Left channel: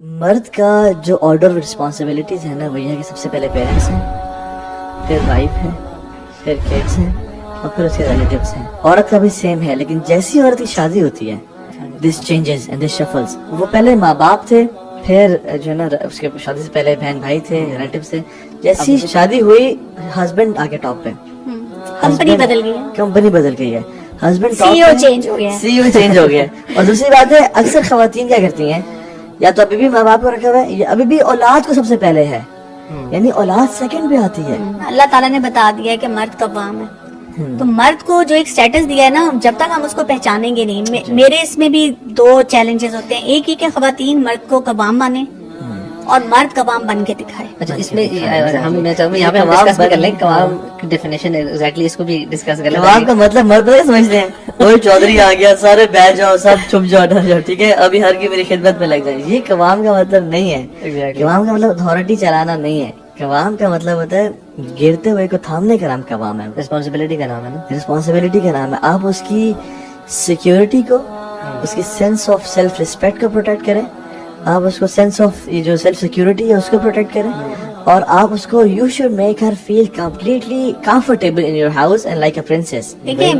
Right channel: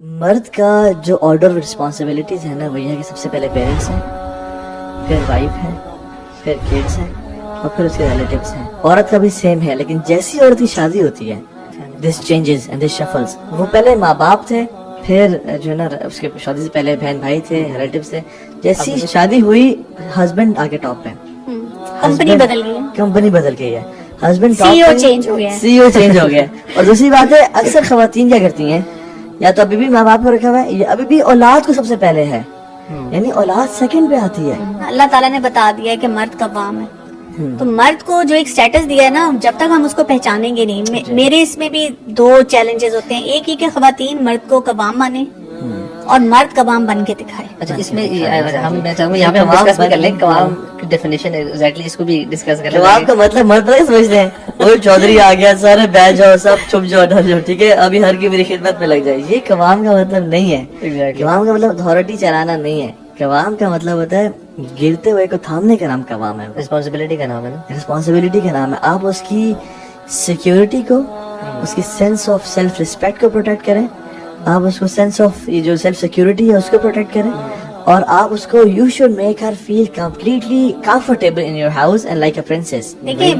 مرد کا جو آرڈر آف رسپانسبلٹیز ہے نا وہ یہ ہے کہ سب سے پہلے پیرنٹس ہیں، پھر وائف ہے، پھر کڈس ہیں اور پھر اس کے ریلیٹیوز ہیں. عورت کا بھی سیم ہے، لیکن جیسی عورت کی شادی ہوتی ہے دس چینجز اینڈ دس شفلز. وہ پہلے ماں باپ تھے، پھر جو ہے نا اس کے شادی سے پہلے بہن بھائی تھے، ریلیٹیوز تھے. جیسی شادی ہوئی ہسبینڈ آگے ٹاپ پہ، کمپنی بدل گئی ہے، کمپنی بدل گئی ہے، ہسبینڈ سی او چینج ہو گیا ہے. سی او چینج ہو گیا. اور دوسری بات ہے اکثر خواتین کیا کرتی ہیں، یا تو ابھی بھی ماں باپ کو رکھا ہوا ہے یا ابھی بھی اولاد کو سب سے پہلے ہے، یعنی اولاد سیکنڈ پہ آتی ہے. اللہ تعالیٰ نے بتا دیا ہے کہ مرد قوام ہے، تو مرد کو جو ایک سٹیٹس دیا ہے نا، جب تک ہم اس کو پہچانیں گے نہیں. میرے اس میں بھی دو چیلنجز ہوتے ہیں. ایک ہی کہ خواتین مرد کو قوام مانے اور مرد قوام بن کے دکھائے. اچھا اس میں میں چاہوں گا یہاں پہ ہم ڈسکس بھی کر لیں قوام کی ڈیفینیشن ایگزیکٹلی، اس کو بھی ڈسکس کر لیں. قوام کا مطلب مرد نہیں سمجھتے ہیں، وہ چودھری آ گیا سارے بیٹھ جاؤ سب چھپ جاؤ ڈر جاؤ، ٹھیک ہے ابھی ہر کی میری خدمت میں لگ جائے. یہ قوام کا مطلب نہیں ہے. قوام کا مطلب اتھارٹی چلانا نہیں ہے. قوام کا مطلب ہوتا ہے گرتے ہوئے کو تھامنے کا نام قوام ہے، رسپانسبلٹی کا نام ہے نا، رسپانسبلٹی کا نام ہے. آپ اس کی سیکیورٹی کو، اس کی سینس آف سیلف ریسپیکٹ کو پروٹیکٹ کریں، آپ اس کو سینس آف یہ جو سیلف سیکیورٹی ہے اس کو پروٹیکٹ کریں، اور آپ اس کو you should make her feel completely comfortable in your house and like a princess. دیکھیں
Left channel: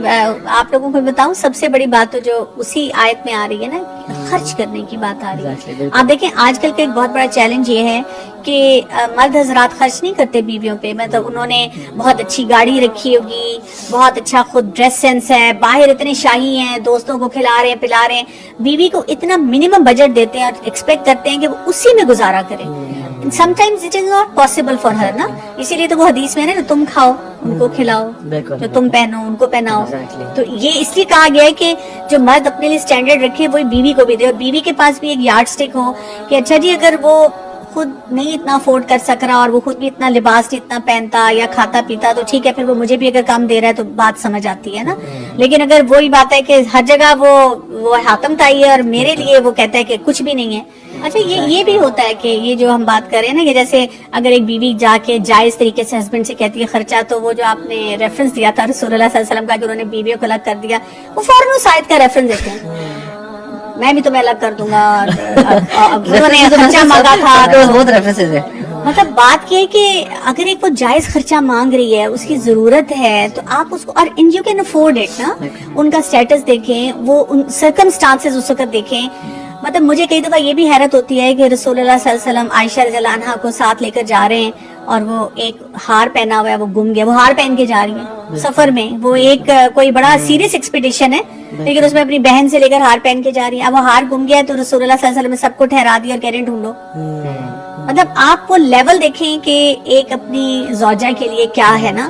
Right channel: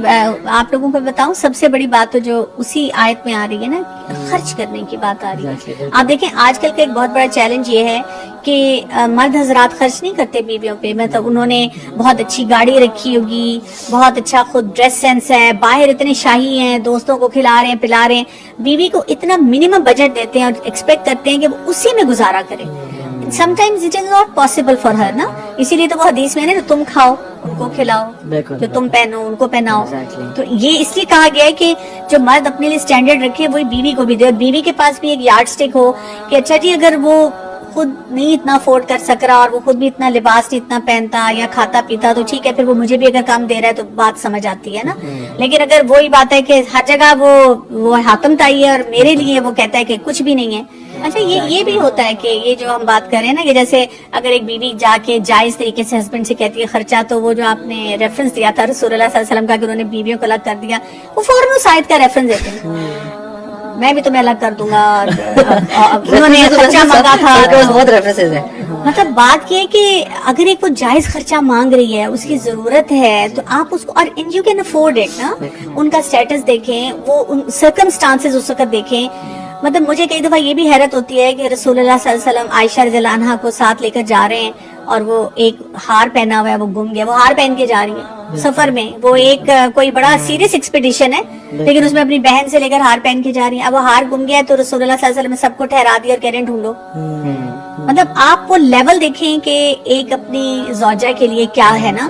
آپ لوگوں کو بتاؤں، سب سے بڑی بات تو جو اسی آیت میں آ رہی ہے نا، خرچ کرنے کی بات آ رہی ہے. آپ دیکھیں آج کل کا ایک بہت بڑا چیلنج یہ ہے کہ مرد حضرات خرچ نہیں کرتے بیویوں پہ. مطلب انہوں نے بہت اچھی گاڑی رکھی ہوگی، بہت اچھا خود ڈریس سینس ہے، باہر اتنے شاہی ہیں، دوستوں کو کھلا رہے ہیں پلا رہے ہیں، بیوی کو اتنا منیمم بجٹ دیتے ہیں اور ایکسپیکٹ کرتے ہیں کہ وہ اسی میں گزارا کرے. sometimes it is not possible for her نا. اسی لیے تو وہ حدیث میں ہے نا، تم کھاؤ ان کو کھلاؤ، جو تم پہنو ان کو پہناؤ. تو یہ اس لیے کہا گیا ہے کہ جو مرد اپنے لیے اسٹینڈرڈ رکھے وہی بیوی کو بھی دے، اور بیوی کے پاس بھی ایک یارڈ سٹک ہو کہ اچھا جی اگر وہ خود نہیں اتنا افورڈ کر سک رہا اور وہ خود بھی اتنا لباس نہیں اتنا پہنتا یا کھاتا پیتا تو ٹھیک ہے، پھر وہ مجھے بھی اگر کم دے رہا ہے تو بات سمجھ آتی ہے نا. لیکن اگر وہی بات ہے کہ ہر جگہ وہ حاکم تائی ہے اور میرے لیے وہ کہتا ہے کہ کچھ بھی نہیں ہے. اچھا یہ بھی ہوتا ہے کہ یہ جو ہم بات کر رہے ہیں نا کہ جیسے اگر ایک بیوی جا کے جائز طریقے سے ہسبینڈ سے کہتی ہے خرچہ، تو وہ جو آپ نے ریفرنس دیا تھا رسول اللہ صلی اللہ علیہ وسلم کا کہ انہوں نے بیویوں کو الگ کر دیا، وہ فوراً اس آیت کا ریفرنس دیتے ہیں، میں بھی تمہیں الگ کر دوں گا، انہوں نے خرچہ مانگا تھا. بہت ریفرنسز ہیں. مطلب بات یہ ہے کہ اگر ایک وہ جائز خرچہ مانگ رہی ہے، اس کی ضرورت ہے، تو آپ اس کو، اور یو کین افورڈ اٹ نا، ان کا اسٹیٹس دیکھیں، وہ سرکمسٹانسز اس وقت دیکھیں. مطلب مجھے کئی دفعہ یہ بھی حیرت ہوتی ہے کہ رسول اللہ صلی اللہ علیہ وسلم عائشہ رضی اللہ عنہا کو ساتھ لے کر جا رہے ہیں اور وہ ایک ہار پہنا ہوا ہے، وہ گم گیا، وہ ہار پہن کے جا رہی ہیں سفر میں. وہ ایک کوئی بڑا سیریس ایکسپیڈیشن ہے، لیکن اس میں اپنی بہن سے لے کر ہار پہن کے جا رہی ہیں. اب وہ ہار گم گیا تو رسول اللہ صلی اللہ علیہ وسلم نے سب کو ٹھہرا دیا اور کہہ رہے ہیں ڈھونڈو. مطلب آپ وہ لیول دیکھیں کہ ایک اپنی زوجہ کے لیے کیا ہے نا.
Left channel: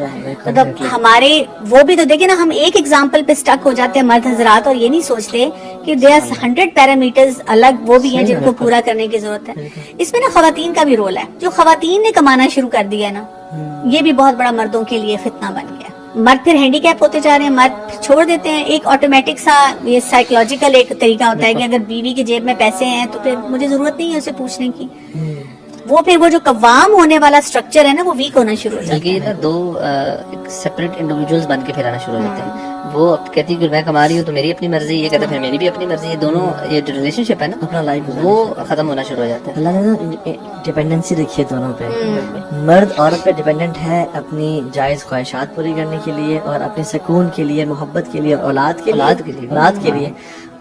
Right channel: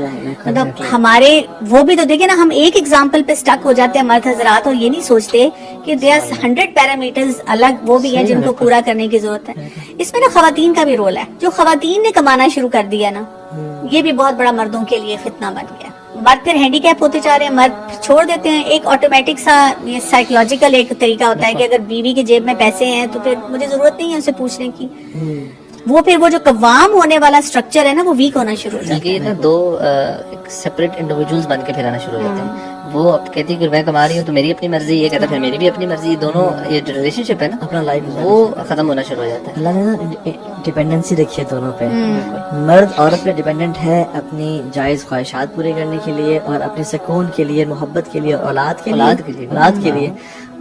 مطلب ہمارے وہ بھی تو دیکھیں نا، ہم ایک ایگزامپل پہ سٹک ہو جاتے ہیں مرد حضرات اور یہ نہیں سوچتے کہ دے آر 100 پیرامیٹرز الگ وہ بھی ہیں جن کو پورا کرنے کی ضرورت ہے. اس میں نا خواتین کا بھی رول ہے. جو خواتین نے کمانا شروع کر دیا نا، یہ بھی بہت بڑا مردوں کے لیے فتنہ بن گیا. مرد پھر ہینڈی کیپ ہوتے جا رہے ہیں، مرد چھوڑ دیتے ہیں. ایک آٹومیٹک سا یہ سائیکولوجیکل ایک طریقہ ہوتا ہے کہ اگر بیوی کی جیب میں پیسے ہیں تو پھر مجھے ضرورت نہیں ہے اسے پوچھنے کی. وہ پھر وہ جو قوام ہونے والا سٹرکچر ہے نا وہ ویک ہونا شروع ہو جاتا ہے. یہ نا دو سیپریٹ انڈیویجولز بن کے پھر آنا شروع ہو جاتے ہیں. وہ اب کہتی ہے کہ میں کما رہی ہوں تو میری اپنی مرضی، یہ کہتا ہے پھر میری بھی اپنی مرضی. یہ دونوں یہ جو ریلیشن شپ ہے نا اپنا لائف وہ ختم ہونا شروع ہو جاتا ہے. اللہ نے نا ڈیپینڈنسی رکھی ہے دونوں پہ. مرد عورت پہ ڈیپینڈنٹ ہے اپنی جائز خواہشات پوری کرنے کے لیے اور اپنے سکون کے لیے، محبت کے لیے، اولاد کے لیے.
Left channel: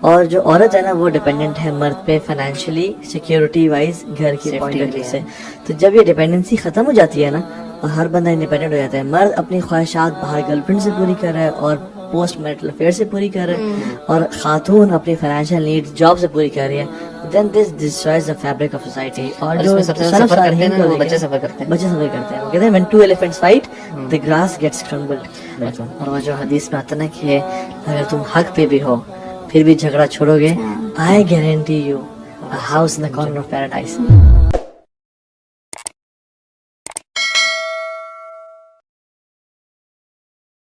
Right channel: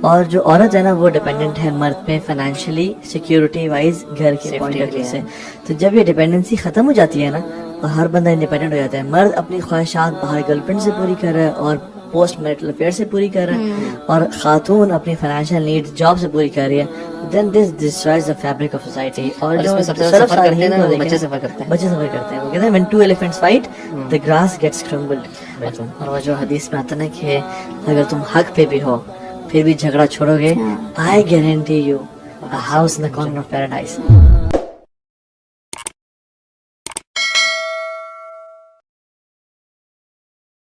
اور جو عورت ہے نا وہ ڈیپینڈنٹ ہے مرد پہ فائنینشلی، سیکیورٹی وائز، گھر کی پوائنٹ آف ویو سے. تو جب یہ ڈیپینڈنسی ختم ہو جاتی ہے نا تو ہر بندہ انڈیپینڈنٹ ہو جاتا ہے. مرد اپنی خواہشات باہر گرل فرینڈ سے پوری کر رہا ہے اور پوسٹ میرٹل افیئر سے پوری کر رہا ہے، اور خاتون اپنی فائنینشیل نیڈ جاب سے پوری کر رہی ہے. Then this destroys the fabric of society. اور جو سفر کرتے ہیں نا وہ بچے سفر کرتے ہیں. بچے سفر کرتے ہیں. وہ کہتے ہیں when two elephants fight the grass gets crumbled. اور وہ جو حدیث میں آتا نا کہ اگر تم حق پہ بھی ہو پھر بھی جھگڑا چھوڑو گے، I guarantee you a house in the corner of paradise.